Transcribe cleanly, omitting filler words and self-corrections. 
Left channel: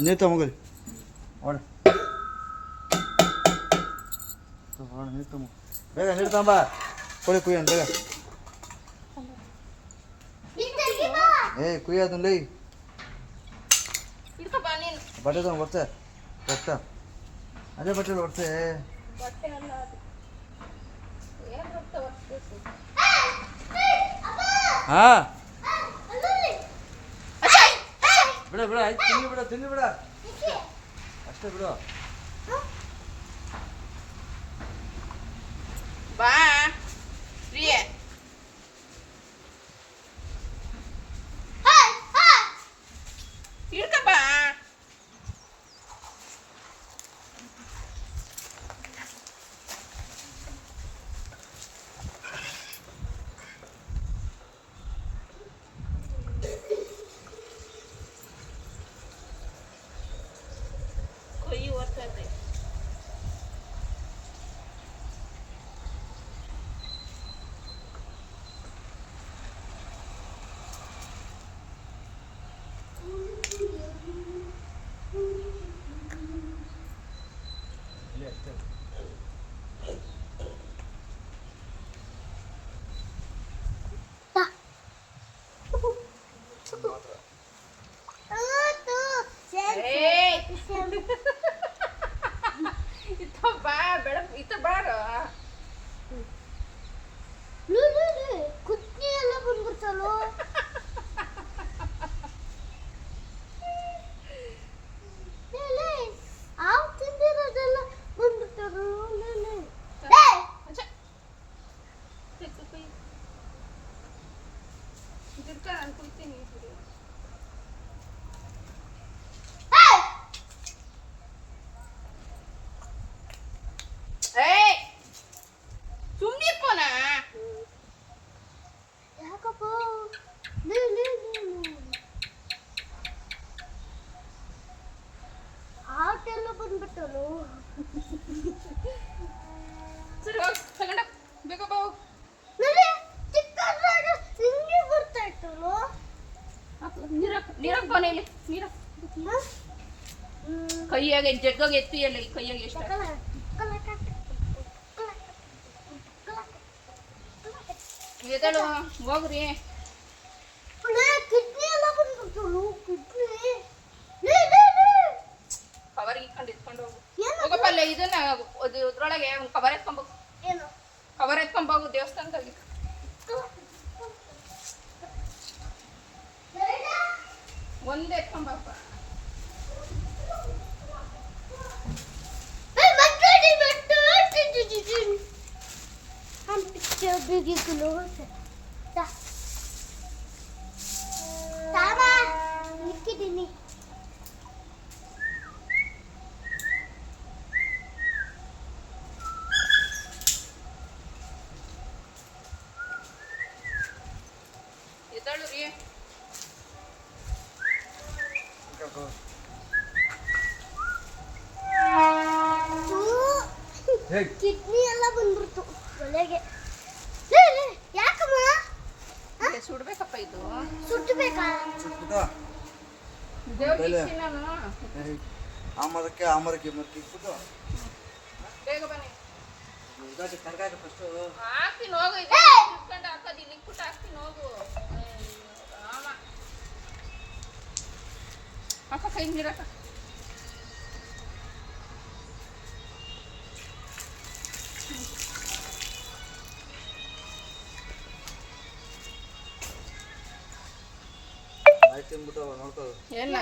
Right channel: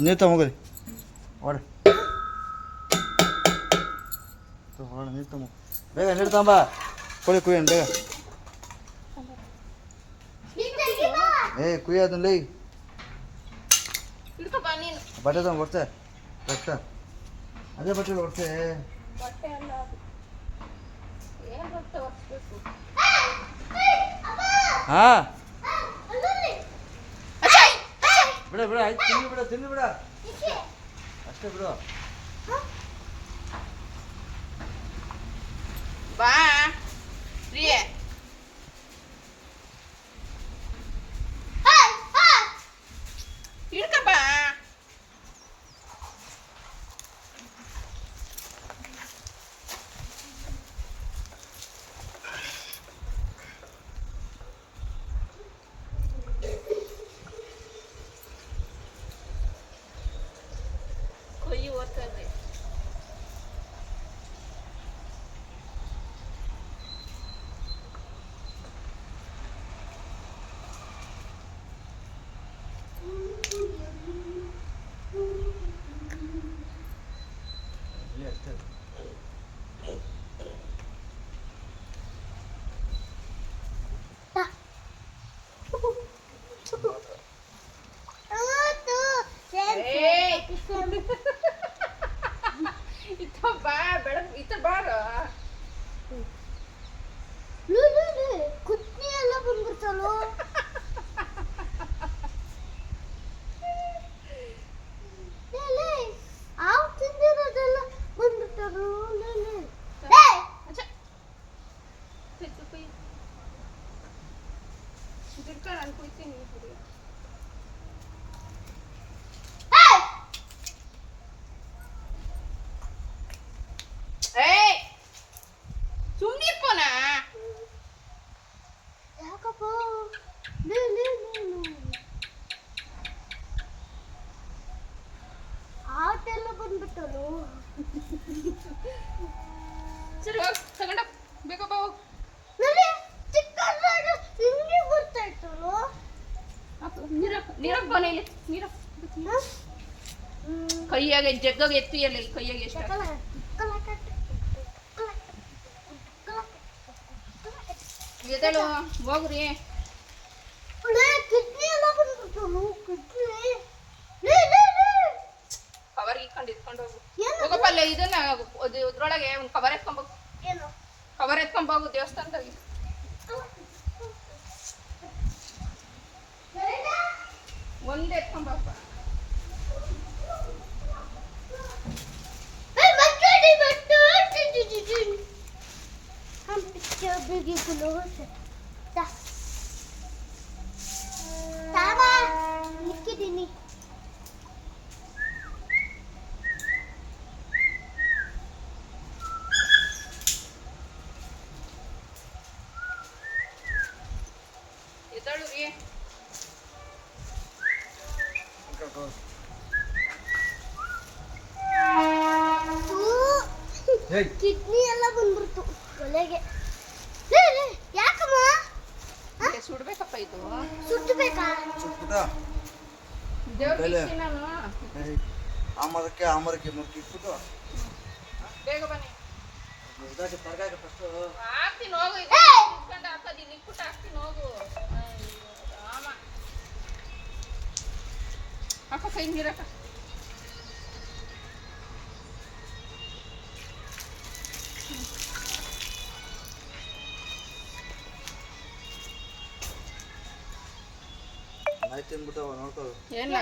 ನೀರು ತಗೊಂಡ್ರಿ ನೀರು ತಗೊಂಬ ಬೇಗ ನೀರು ತಗೊಂಬ ಕೊಳಿ ಕುಯ್ಯೋಣ ಬೇಗ ಕುಯ್ಯೋದಲ್ಲ ಬಟ್ಟೆ ತಗೊಂಡು ಬರ್ತೆ ಬಟ್ಟೆ ಅದೇ ಬಟ್ಟೆ ಬರ್ತೆ ಹಾಂ ಬಿಡ ಬಿಡ ಆಯ್ತು ತಿನ್ನಿ ಬಿಡ ಅಷ್ಟೇ ಬಿಡು ಬಾ ಪ್ರಿಯ ಹಿಡ್ಕ ಬಾ ಕೊಯ್ಯಿ ಓದ್ತದೆ ಬಾ ಬೆಳಗ್ಗೆ ಇತ್ತ ಬಾರ ಕುಟ್ನಿ ಎಲ್ಲ ಬಂದ್ಬಿಡ್ತಲ್ಲೋ ಆವು ತಿಂದಿರೋದೆಲ್ಲ ಬಂದ್ಬಿಟ್ಟರು ನಾನು ಕುಯ್ತೀನಿ ಸುಮ್ಮನೆ ಪೋನ ಯಾಕಪ್ಪ ಆಟೆಲ್ಲ ಬಂದ್ಬಿಟ್ಟರು ಸರಿ ಹೋಗಿ ತಗೊಂಡ ಬೇಗ ಬಾ ಹೋಗಿ ಚಿಕ್ಕದಾಗ ಹಿಂಗೆ ಬರ್ತಾ ಇತ್ತಲ್ಲೋ ನೀರಕ್ಕೆ ಬಾ ಇಲ್ಲಿ ನೀರಕ್ಕೆ ಕೈಯಾಗ ಜಗ್ಗಾಗ ಎತ್ತು ಎಲ್ಲ ಕೈಯಾಗ ಎಷ್ಟು ಎದಳು ಹೋಗ್ರಿ ಕಿಡ್ನಿ ಎಲ್ಲ ಬಂದ್ಬಿಟ್ಟಲು ಕಿಡ್ನಿ ಕವರ್ ಇಟ್ಕೊಂಡು ಹೋಗು ಹೋಗಪ್ಪ ಅಲ್ಲ ಇದನ್ನ ಇದ್ರೊಳಗೆ ಒಂದು ಕವರ್ ಎತ್ಕೊಂಬೋಗು ಏನು ಕವರ್ ಎತ್ಕೊಂಬೋಗು ದೇವಸ್ಥಾನದಾಗಿ ಒಂದೇ ಎತ್ಕೊಂಬಪ್ಪ हम पिक्चर भी किलो से तावा निक्की दिनी ಎದಳು ರೀ ಕಿಡ್ನಿ ಎಲ್ಲ ಬಂದ್ಬಿಡ್ತು ಒಲೆಗೆ ಯಾಕಮ್ಮ ಸುಡ್ಬೇಕಪ್ಪ ಇದು ಸುಟ್ಟಬೇಕಾ ದೇವ್ರಿಗೆ ನಾನು ಆಮರಕ್ಕೆ ಮತ್ತೆ ಇಟ್ಬಿಟ್ಟು ಬೇಗ ಬನ್ನಿ ತರಕಾರಿ ಫಸ್ಟ್ ಹಾಕ್ತೀನಿ ಹೋಗು ಇಟ್ಕೊಂಡು ಹಾಕೋದು ಇಲ್ಲಿ ಇಟ್ಬಿಟ್ಟು ಹಾಕ್ತೀನಿ ಹೋಗು ರಾಮ ಹಾಕ ಕೈ ನೀರಕ್ಕ ಆಯ್ತು ಅಂದ್ಬಿಟ್ಟು ನೋಡ್ಕೋ ಏನ